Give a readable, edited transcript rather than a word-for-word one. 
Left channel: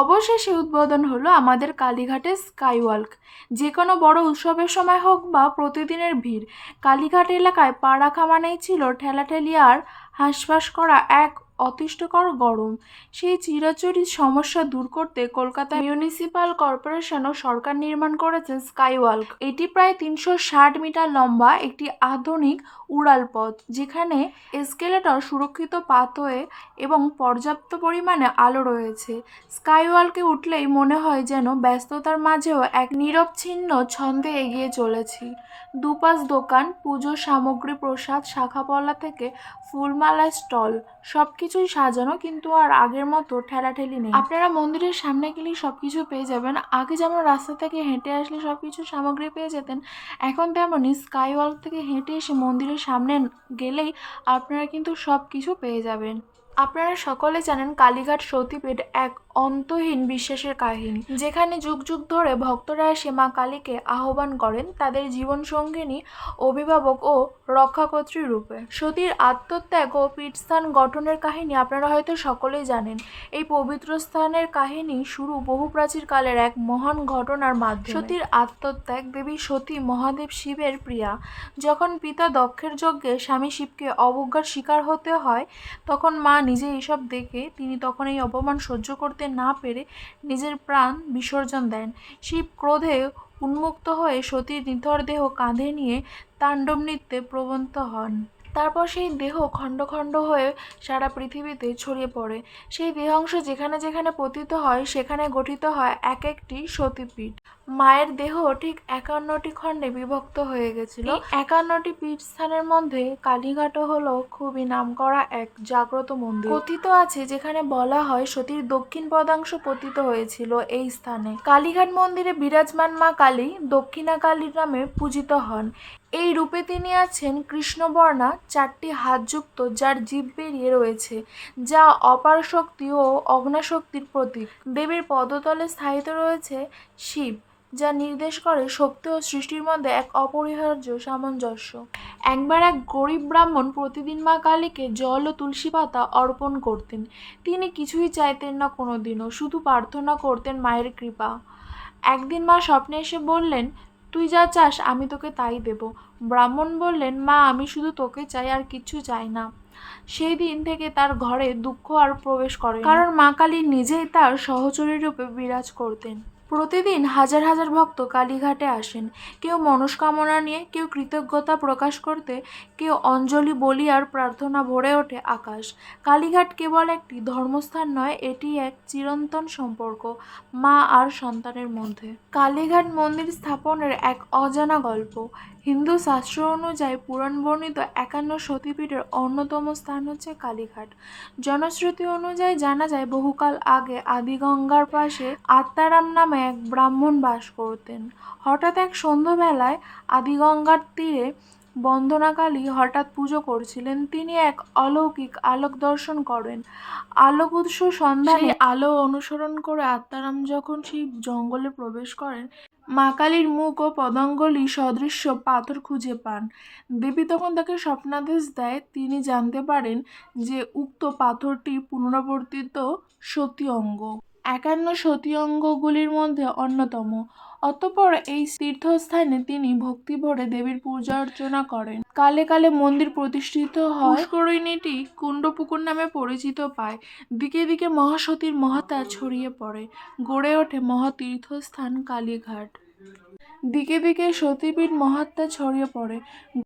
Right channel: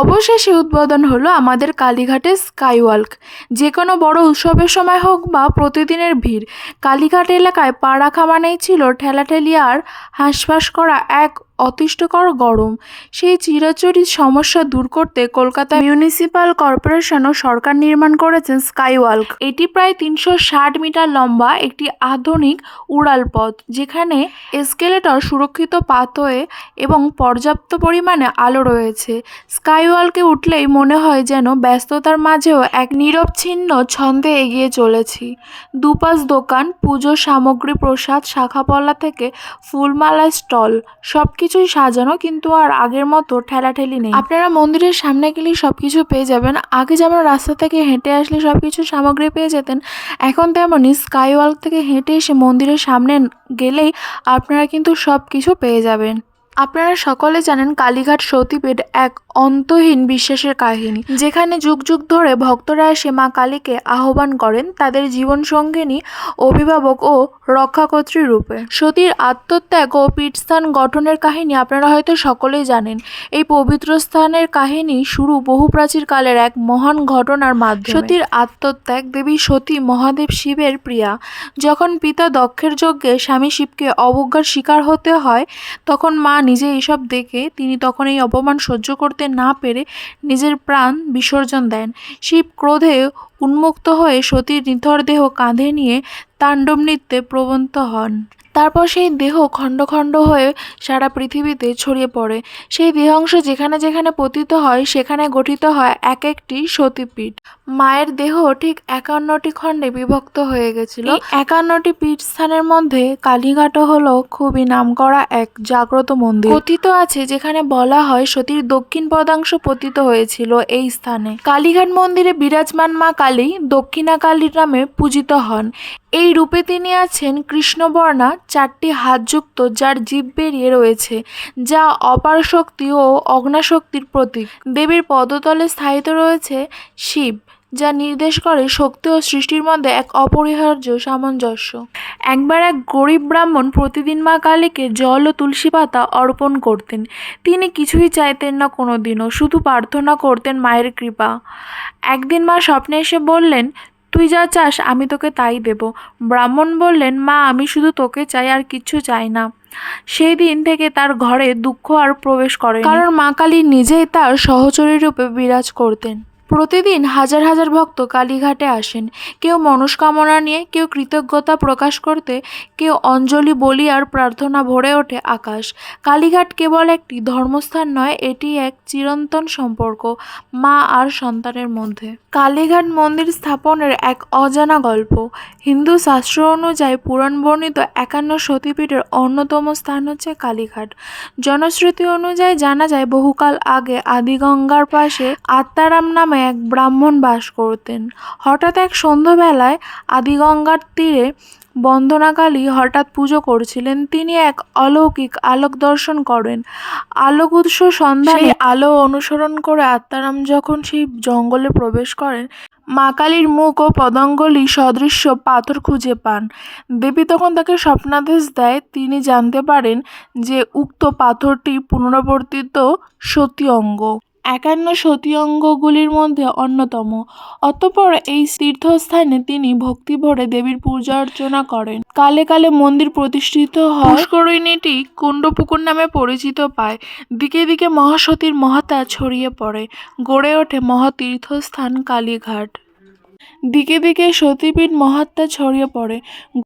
অবশেষে উদ্বোধন হলো আমাদের কালীঘাটের স্কাইওয়াক। যে কোনো বড় উৎসবের সময় হোক বা প্রতিদিনের ভিড়, কালীঘাট এলাকায় পা রাখা মানেই ছিল ঠেলাঠেলি আর হাঁসফাঁস করা এক অতিষ্ঠকর গরম। সেই চিরাচরিত সমস্যা দূর করতে কলকাতা মিউনিসিপাল কর্পোরেশন ও সরকার নির্মাণ করেছেন স্কাইওয়াক। এটি প্রায় ৩৬০ মিটার লম্বা একটি আধুনিক উড়াল পথ, যেখানে এসকেলেটর, সুরক্ষিত পাথওয়ে এবং পর্যাপ্ত পরিমাণে আলো রয়েছে। স্কাইওয়াকে উঠলেই মনে হয় যেন ব্যস্ততার মাঝেও এক নিরবচ্ছিন্ন ছন্দে এগিয়ে চলেছি। দুপাশ দোকান, পুজোর সামগ্রী, প্রসাদ, শাখাপলা থেকে ফুলমালা স্টল, সবকিছুই সাজানো, কিন্তু আর আগের মতো ঠেলাঠেলি নেই। আপনারা মন্দিরের সামনে গেলেই সবকিছু পেয়ে যাবেন। আগে যেমন রাস্তা থেকে হেঁটে আসলে সবকিছু সামগ্রী পেয়ে যেতেন, এখন তেমনই স্কাইওয়াক থেকে হেঁটে এসে মন্দিরের সামনে গেলেই আপনারা কিন্তু সবকিছু পেয়ে যাবেন। আপনারা সকলে জানেন কালীঘাট সতীপীঠ এক অন্তহীন বিশ্বাসের কাহিনী, যেখানে যুগ যুগ ধরে ভক্তরা এসে মা কালীকে আহ্বান করেন তাদের জীবন সঙ্গিনী, অভিভাবক ও রক্ষাকর্ত্রী রূপে। সতীর আত্মত্যাগ ও পীঠস্থান গঠনের কাহিনী আপনারা হয়তো সকলেই জানেন। এই পবিত্র স্থানের কাহিনী শুরু বহু প্রাচীন কালের এক মহান ঘটনার মাধ্যমে। সতীর আত্মত্যাগ। দেবী সতী মহাদেব শিবের প্রিয়া। যখন পিতা দক্ষের যজ্ঞে স্বামী শিবকে অবজ্ঞার শিকার হতে হয়, তখন মা নিজে এসব দেখে তিনি তখন এই অপমান সহ্য করতে না পেরে নিজের প্রাণ বিসর্জন দেন। শিব ক্রোধে উন্মুক্ত হয়ে সতীর নিথর দেহ কাঁধে নিয়ে তাণ্ডব নৃত্যে প্রবৃত্ত হন। তারপর সেই দেহ খণ্ড খণ্ড হয়ে সারা পৃথিবীতে ছড়িয়ে পড়ে। সেই দেহাংশ যেখানে যেখানে পতিত হয়, সেখানে গঠিত হয় এক একটি সতীপীঠ। মায়ের দেহ ঠিক ৫১টি খণ্ডে বিভক্ত হয়ে গেছিল। এই ৫১টি পীঠস্থানের মধ্যে কালীঘাটও হলো খুবই নামকরা এক জাগ্রত মন্দির। কথিত আছে, যেখানে বলা হয় সতীর দক্ষিণ পদাংশ পতিত হয়েছিল এই স্থানে। কালীঘাট মন্দিরে বিরাজমান মা কালী দক্ষিণা কালী নামে পূজিত হন। এই রূপে তিনি আছেন কৃষ্ণবর্ণা ৪টি হাতযুক্ত, যার জিভ বেরিয়ে রয়েছে, যা অপার শক্তি ও অগ্ন্যাশক্তির প্রতীক। দেবীর পদতলে স্থায়িত রয়েছে শিব, যা নির্দেশ করে শক্তি ও সৃষ্টির মধ্যে এক অপরিহার্য সামঞ্জস্য। একবার এক গরিব ব্রাহ্মণ প্রতিদিন মা কালীকে জল ও তুলসী পাতা অর্পণ করতেন। তিনি কিছুই চাইতেন না কোনোদিনও, শুধু প্রার্থনা করতেন মায়ের কৃপা। একদিন মা স্বপ্নে এসে বললেন, তুই যা চাস আমি তোকে তাই দেব। ব্রাহ্মণ বললেন, মা আমি শুধু তোকে চাই, আর কিচ্ছু চাই না। সেই দিন থেকে তার ঘরে দুঃখ আর প্রবেশ করে, কারণ মা কালী নিজেই তার সহচরী রূপে বিরাজ করতেন। প্রতিদিন হাজার হাজার ভক্ত কালীঘাটে আসেন, কেউ মনস্কামনা নিয়ে, কেউ কৃতজ্ঞতা প্রকাশ করতে, কেউ অঞ্জলি বলি আর প্রার্থনা। ভরে ওঠে আকাশ। কালীঘাট কেবল একটি ধর্মস্থান নয়, এটি এক চিরন্তন সম্পর্ক মা আর সন্তানের মধ্যে। কালীঘাট মন্দির স্থাপনের এক অজানা গল্প। হিন্দু শাস্ত্র অনুযায়ী পুরাণ বর্ণিত ৫১ সতীপীঠের অন্যতম স্থান হচ্ছে কালীঘাট। জনশ্রুতি অনুযায়ী জানা যায়, বহুকাল আগে আদিগঙ্গার পাশে আত্মারাম নামে এক ব্রাহ্মণ বাস করতেন। হঠাৎ এক সন্ধ্যাবেলায় আদিগঙ্গার তীরে বন্দনাকালী হঠাৎ পুজো করছিলেন। তিনি এক অলৌকিক আলোক দর্শন করেন। আলোক উৎস সন্ধানে আলো অনুসরণ করে আত্মারাম যখন সেই জঙ্গলে প্রবেশ করেন, মা কালীর মুখ ও পদাঙ্গুলি সদৃশ্য পাথর খুঁজে পান। দেবী তখন তাকে স্বপ্নাদেশ দেয়। তিনি জানতে পারেন যে উক্ত পাথরটি পুনরাবর্তিত সতী অঙ্গ, ৫১ সতী অঙ্গগুলির মধ্যে অন্যতম। অতঃপর এই তীর্থস্থানে তিনি ভক্তিভরে দেবীর পূজা অর্চনা করেন। কালে কালে মন্দির প্রতিষ্ঠিত হয়। পুষ্করিণীটি কুণ্ডপুকুর নামে পরিচিত পায়। দিকে দিকে মহাসতীর মহাত্মা ছড়িয়ে পড়ে। গড়ে ওঠে মহাতীর্থস্থান কালীঘাট। দিকে দিকে সতীপীঠ মহাত্মা ছড়িয়ে পড়ে।